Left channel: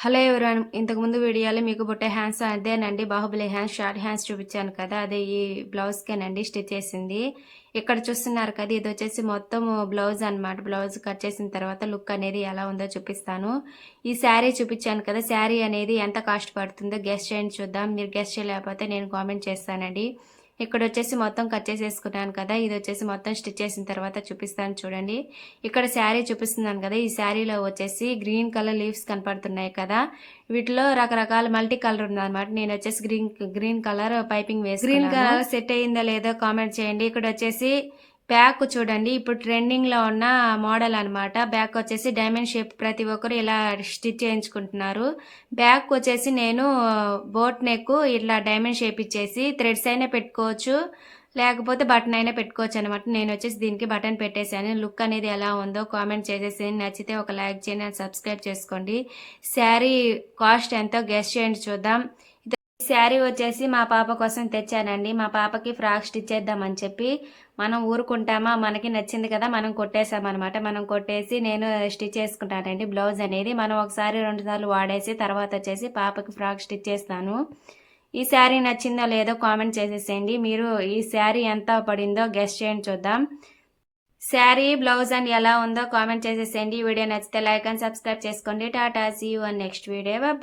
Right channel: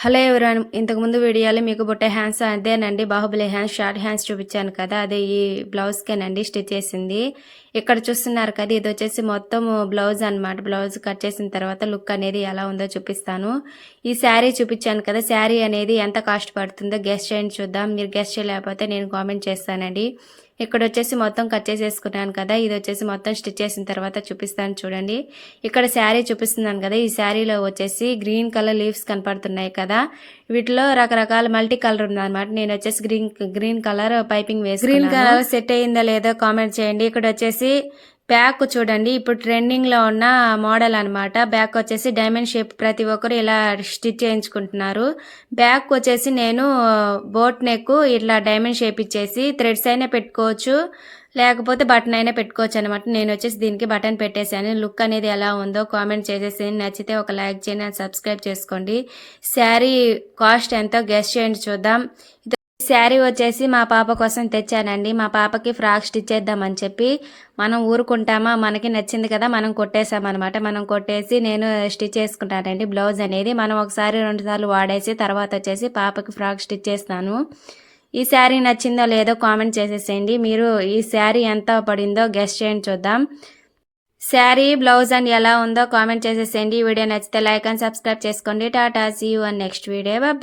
Hello ఎవరైనా ఇంతకుముందు వీడియోలో మీకు బుట్టే హ్యాండ్స్ అదేనండి బాహుబలి హ్యాండ్స్ షార్ట్ హ్యాండ్స్ చూపించాను కదా అదే ఈ బ్లౌజ్కేనండి స్టిచ్ చేసింది. ఇక్కడ చూస్తున్నారు కదా ఇది వచ్చేసి మొత్తం బ్లౌజ్ అనమాట. బ్లౌజ్ కట్ చేసిన తర్వాత లుక్ అనేది ఎలా ఉందో చూపిస్తాను. ఈ శారీ చూపించాను కదా, శారీ అనేది ఎంత కాస్ట్ పడుతుందో గెస్ట్ చేయండి చూద్దాం. మీరు గెస్ట్ చేయలేకపోతే నేను కామెంట్ చేస్తానండి. ఇక్కడ వచ్చేసి మొత్తం కట్ చేసేసుకున్నాను కదా, ఇది వచ్చేసి మొత్తం స్టిచ్ చేసిన తర్వాత చూపిస్తాను చూడండి. ఇక్కడ శారీ చూపిస్తున్నాను కదా, ఈ శారీలో వచ్చేసి గ్రీన్ కలర్ లీవ్స్ కనపడుతున్నాయి కదా, వీటిలో రకరకాల మల్టీ కలర్ ఉందన్నమాట. నేను వచ్చేసి గ్రీన్ కలర్ పైపింగ్ వేసి గ్రీన్ కలర్ సెట్ అయ్యిందా లేదో కామెంట్ చేయండి. ఇక్కడ వచ్చేసి బ్యాక్ చూడండి, ఇప్పుడు ట్రెండింగ్ లో ఉన్న మోడల్ అనమాట. బ్యాక్ వచ్చేసి డైమండ్ షేప్, ప్రతి ఒక్కరు ఇలా స్టిచ్ చేయించుకుంటున్నారు. బ్యాక్ వచ్చేసి నేను బోట్ నెక్ ఇట్లా డైమండ్ షేప్ ఇచ్చేసి థ్రెడ్స్ అయినా పెట్టుకోవచ్చు, లేకపోతే బటన్ అయినా పెట్టుకోవచ్చు అనమాట. నేను వచ్చేసి దీనికి బటన్ పెట్టేశాను. లుక్ అనేది ఎలా ఉందో కామెంట్ చేసేసి నచ్చితే ఒక లైక్ చేయండి, సబ్స్క్రైబ్ చేసుకోండి. శారీ కాస్ట్ ఎంతో గెస్ చేయండి చూద్దాం. శారీ వచ్చేసి మా పాప కోసం తెచ్చానండి. మా పాపకి ఫ్రాక్ స్టిచ్ చేద్దామని చెప్పి, మనం ఊరుకుంటామా, మనకి నచ్చింది కదా మనం కొట్టేసామన్నమాట. మనం కొట్టేసి నేను స్టిచ్ చేసుకుంటానండి. బ్లౌజ్ అనేది మనం ఒకసారి 2 సార్లు వాడేసి తర్వాత వచ్చేసి పాపకి ఫ్రాక్ స్టిచ్ చేస్తాను. ఈ శారీ నచ్చిందో లేదో కామెంట్ చేసేసేయండి. మీరు ఈ శారీ ఎంత పడిందో గెస్ చేయండి చూద్దాం. శారీ బ్లౌజ్ అండ్ ఎలా ఉందో కామెంట్ చేసేసేయండి. ఈ వీడియో నచ్చితే లైక్ అండ్ సబ్స్క్రైబ్ చేసుకోండి. Tata, see you and next video. Bye.